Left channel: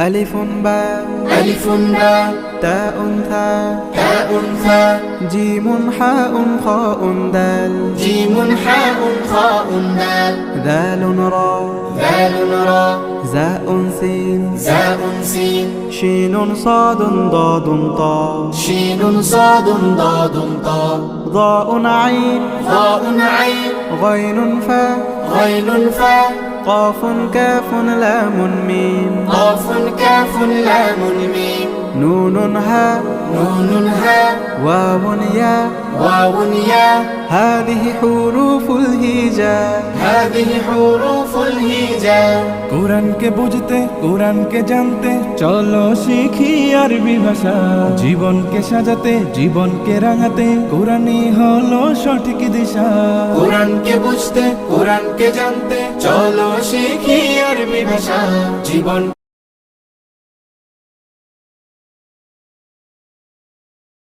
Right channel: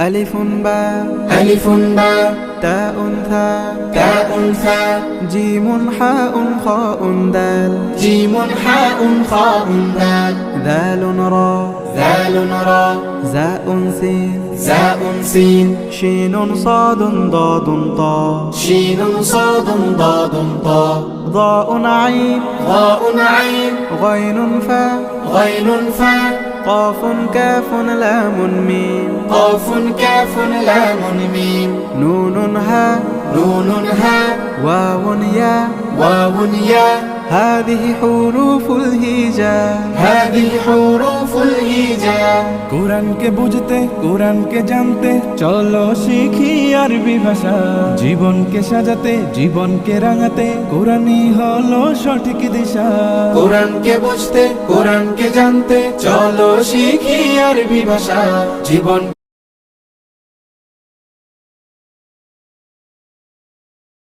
ألف باء ألف باء تاء ثاء تاء ثاء جيم حاء خاء دال جيم حاء خاء دال ذال راء ذال راء زاء سين زاء سين شين صاد ضاد طاء شين صاد ضاد طاء ضاء عين ضاء عين غين فاء غين فاء قاف كاف لام ميم قاف كاف لام ميم نون هاء نون هاء واو ياء واو ياء هذه حروف الهجاء هذه حروف الهجاء কোরআনকে বুঝতে কোরআনকে জানতে চলো শিখি আরবি ভাষা জীবনকে সাজাতে জীবনকে রাঙাতে কোরআনই হলো সঠিক দিশা কোরআনকে বুঝতে কোরআনকে জানতে চলো শিখি আরবি ভাষা জীবন